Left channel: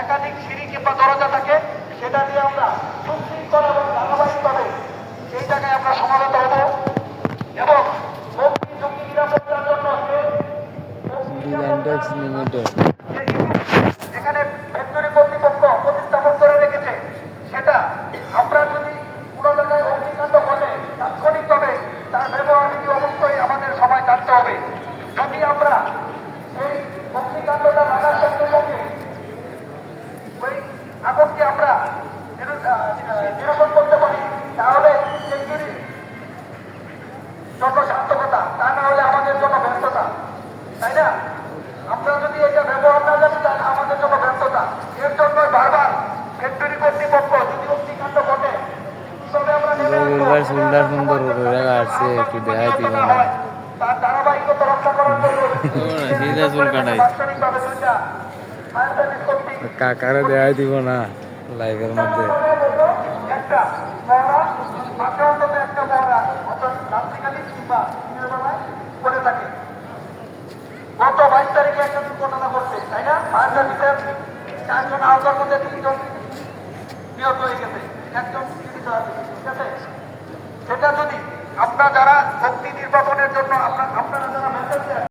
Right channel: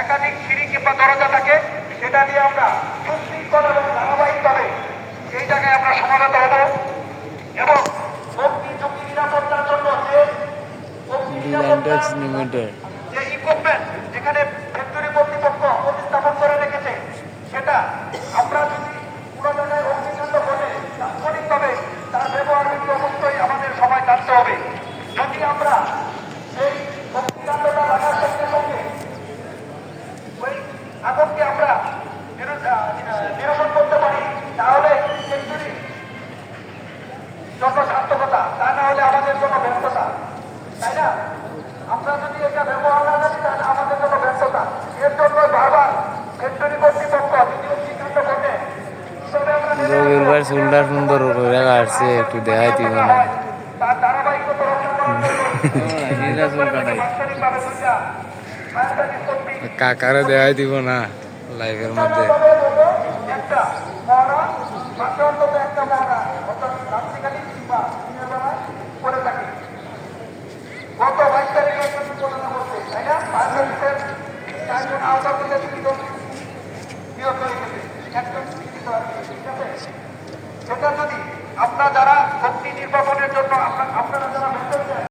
একাধিক সিঁড়ি কিংবা দরজা থাকে, সেটা দিয়ে আমরা সুশৃঙ্খল এবং ধারাবাহিকভাবে এই জায়গায় আমরা সমাবেত হব এবং অগ্নি ঝুঁকি নিরাপত্তার জন্য যে ইকুইপমেন্ট যেখানে ফ্যাক্টরি কর্তৃপক্ষ প্রতিস্থাপন করে রেখেছে, সেটা আমরা যদি কোনো জায়গায় অগ্নিকাণ্ড ঘটে তাৎক্ষণিকভাবে তার ব্যবহার বিধি অবশ্যই আমাদের সবাই জানতে হবে। যদি আমরা এই অগ্নিকাণ্ডটা লাগার সঙ্গে সঙ্গে ওই আগুনকে আমরা নিরসন করতে পারি, তাহলে ফ্যাক্টরি জন্য সার্থকতা, তা না হলে আমাদের জন্য ব্যর্থতা, তাই না? আমরা যদি এটা ব্যবহার না জানি তাহলে আমাদের জন্য ব্যর্থতা। এর জন্য বারবার ফ্যাক্টরি কর্তৃপক্ষ যদি অগ্নিকাণ্ড ঘটে রবির ভাই চুলটা সুন্দর করে কাটছে, একটু দেখাই দিব না। তার ধারাবাহিকতা রক্ষা করতে কাকারে দেখাই দিব না লাইভের মধ্যে। একটা মহড়া মাঠে অন্তত একটা মহড়া রাত্রিকালীন কিংবা দিনের বেলা করে থাকে। গত 22 তারিখে একটা দুর্ঘটনা ঘটছে, তাই না? ফায়ার সার্ভিসের 4 জন আহতের মধ্যে 2 জন নিহত হয়ে গেছে, 1 জন চিকিৎসা, ঠিক আছে? সেটা যদি আমরা যারা